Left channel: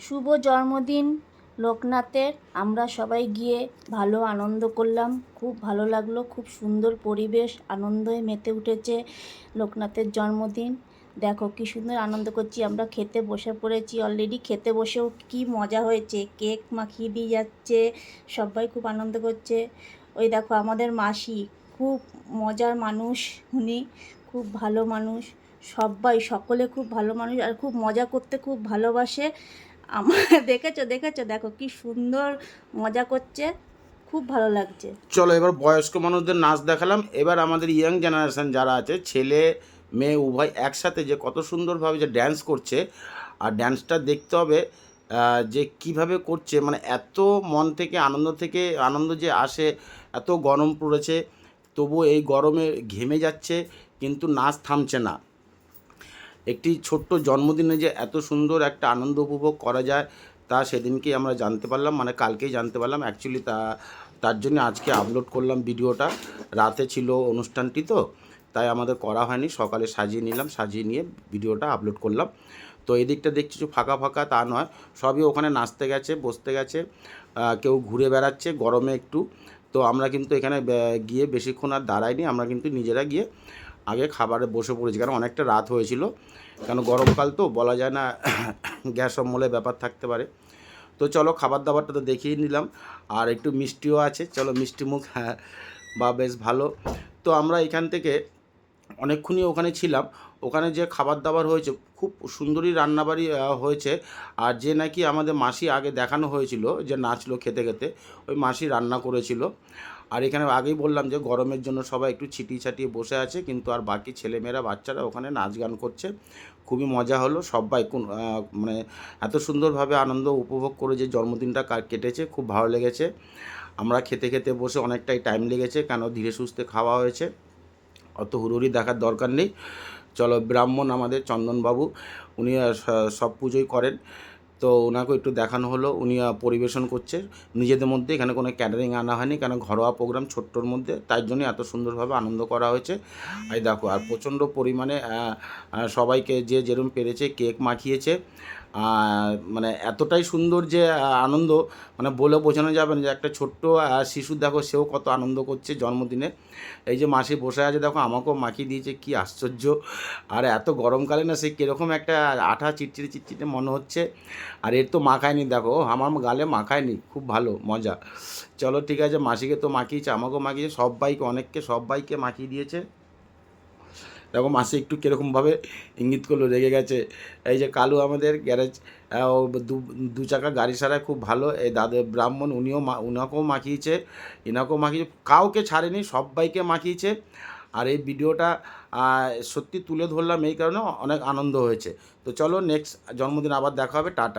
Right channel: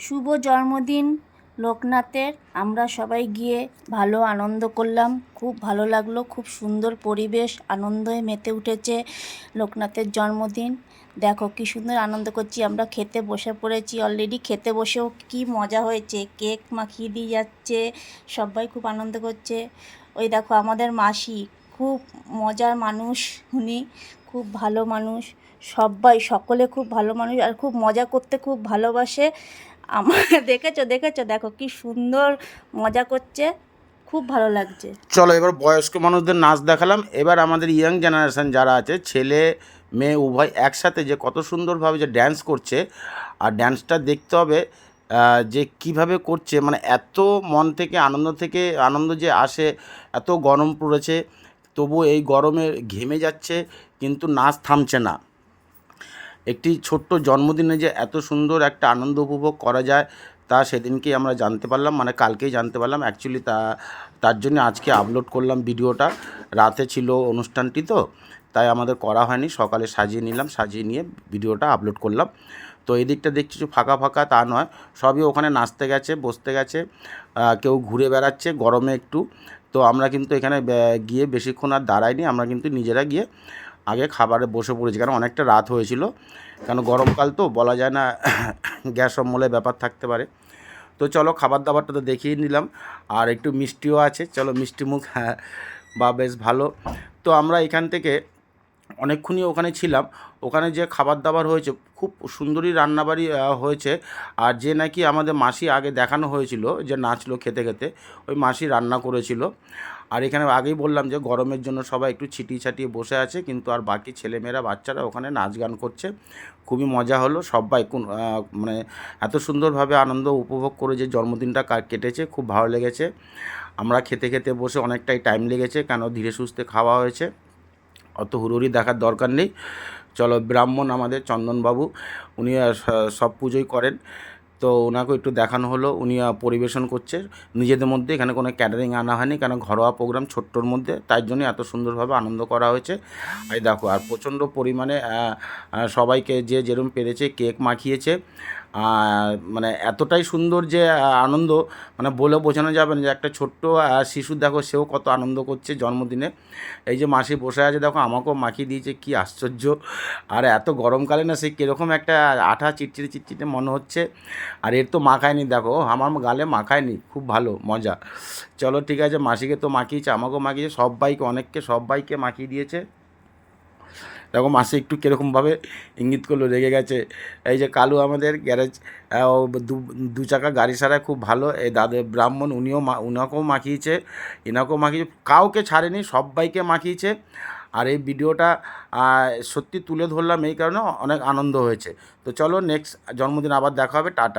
শুভ জন্মদিন, লোকনাথের। আমরা সবাই গিয়ে ভালো আনন্দ করলাম। খুব ভালো লাগল, খুব সুন্দর পরিবেশ আনন্দে মেতে উঠেছে লোকনাথের জন্মদিন। দেখো কি সুন্দর আনন্দ করছি, আমরা খেতে বসে পড়েছি অলরেডি খেতে বসেও কি মজা হয়েছে। কেক মাখিয়ে দিয়ে যাচ্ছে, সবাই খুব আনন্দ করছে। ওই দেখো আমাদের মাসি, খুব মজার মানুষ উনি, খুব ভালো মানুষ। সবাই, সকলে খুব ভালো মানুষ আর খুব মজা করতে খুব ভালোবাসে। আমার দেখেছ দেখেছ? দেখো কি সুন্দর মজা করছে, খুব ভালো লাগছে। চলো, এবার বয়স্ক মানুষদের নাচ দেখালাম। এবার আমাদের ইয়াং জেনারেশন যারা আছে, ছেলে, মেয়ে, উভয় একসাথে যে কত সুন্দরভাবে যে ড্যান্স করছে, আর ড্যান্সটা দেখতে হবে যে কীভাবে করছে মানে এত মন থেকে আনন্দ থেকে আনন্দ যে আসে, এত গরম পড়েছে তবু এই গরমে ঘেমে যাচ্ছে, কিন্তু নাচ থামছে না। একটি ছোট্ট জন্মদিনে যে এত সুন্দর একটা আনন্দ উপভোগ করা যায়, তা সেদিনকেই আমরা জানতে পারলাম মানে কালকেই জানতে পারলাম। অ্যাকচুয়ালি তা, তার জন্য আজকে আপলোড করলাম ভিডিওটা। রাতে ছিল অনুষ্ঠানটি তো, তাই আমাদের করা হয়নি। সকালে সাজিয়ে নিলাম, সাজিয়ে নিয়ে ভিডিওটা আপলোড করলাম। তো এই দিকটা দেখছি ফাঁকা ফাঁকা তা নয়। সবই ওখানে নাচতে গেছে, বসতে গেছে কেউ ঘুরে বেড়াচ্ছে, গরমে একটু। তো আমরা কিন্তু এখানে গিয়ে বেশিক্ষণ আর দাঁড়াইনি, আমরা কিন্তু নিজেরা গিয়ে আগে খাবারে বসে পড়েছি, কারণ অনেকটা রাত হয়েছিল। কেন গরমকাল তো, বলা যায় না, গ্যাস অম্বলের ব্যাপার থাকতে পারে। তো চলো খাবার দাবারটা তো দেখিয়ে নিলাম, আর একটু মিষ্টিও আছে। চলো মিষ্টি মুখ হ্যাঁ বা বেশ ভালো। তো আমরা এখান থেকে অনেকক্ষণই ওখানে ছিলাম। ওখানে যে খাবার দাবার হয়েছে, খুব সুন্দরই রান্নাবাড়ি হয়েছে। আর যে নাকি আমাদের মাসি আগে দেখানো হয়েছিল, যে নাচলো খেতে খেতে, ওই মাসি রান্না করেছিল। আর এখানে আগেই বললাম যে গরমের জন্য সবাই একটু ছিটিয়ে ছাটিয়ে বসে আছে, কিন্তু আর বাকি ছেলেমেয়েরা, বাচ্চারা ওখানে নাচ গান করছে। খুবই মজা হলো সবাই কোন মানে এত সুন্দরভাবে আনন্দ উপভোগ করে যে জন্মদিনটা কেটেছে, খুব ভালো লেগেছে। আমরা খেতে খেতে বসে অনেকটাই টাইম লেগেছে, কেন ধীরে সুস্থে খাওয়া হয়েছে, অত হুড়োহুড়ি দেখার দরকার নেই। চলো ব্রাহ্মণ আমাদের চন্দনবাবু, উনি সব পুজোই করেন। তো ওনাকে একটু দেখানো হলো, উনি পরিবেশন করছে। নিজেদের মধ্যে এখানে কোনো ক্যাটারিং আনা হয়নি, কেন ঘরোয়া প্রোগ্রাম ছোট্টর মধ্যে, তাই জন্য এত সুন্দরভাবে আনন্দ করা হয়েছে। আর দেখো, আর প্রচণ্ড পরিমাণে সবাইকে যে যেরকম পেরেছে কেক মাখিয়েছে। মানে এতটাই সুন্দর যে আনন্দ মানে বলে বোঝানো যাবে না যে, একটা ছোট্ট শিশু, দেখো সেও কত আনন্দ করছে জন্মদিনে। এই যে মাসি বসে আছে, দেখো, আমাকেও মাখিয়ে দিয়েছে, কি আশ্চর্য। আর এত গরমকালে না, সে কীরকম একটা আঠা চিটচিটে চিটচিটে মনে হচ্ছে। আর এর তো মাখায়নি, দেখো, আমার গালে মাখায়নি, খুব ভালো, মজা। চলো, ঠিক আছে, মাসিকে তো মাখিয়েছে, আমাকেও মাখিয়েছে, সবাইকে, অনেককে সবাইকে মাখিয়ে দিয়েছে। দেখো মাসি একটু কীরকমভাবে ইঙ্গিত করল, রেগে গেছে। এই যে কালু আমাদের গ্যারেজ দু চাকা গাড়ি সারায় খুব ভালো। এই দাদা ব্রাহ্মণ, উনিও মা, উনাকেও মাখিয়েছে, ইনাকেও মাখিয়েছে, কাউকে ছাড়েনি সবাইকে মাখিয়েছে। আর এই ভিডিওটা সত্যি তুলে ধরলাম এই কারণে অনেক আনন্দ হয়েছে। তো চলো নেক্সট জন্মদিন আবার দেখা হবে, টাটা।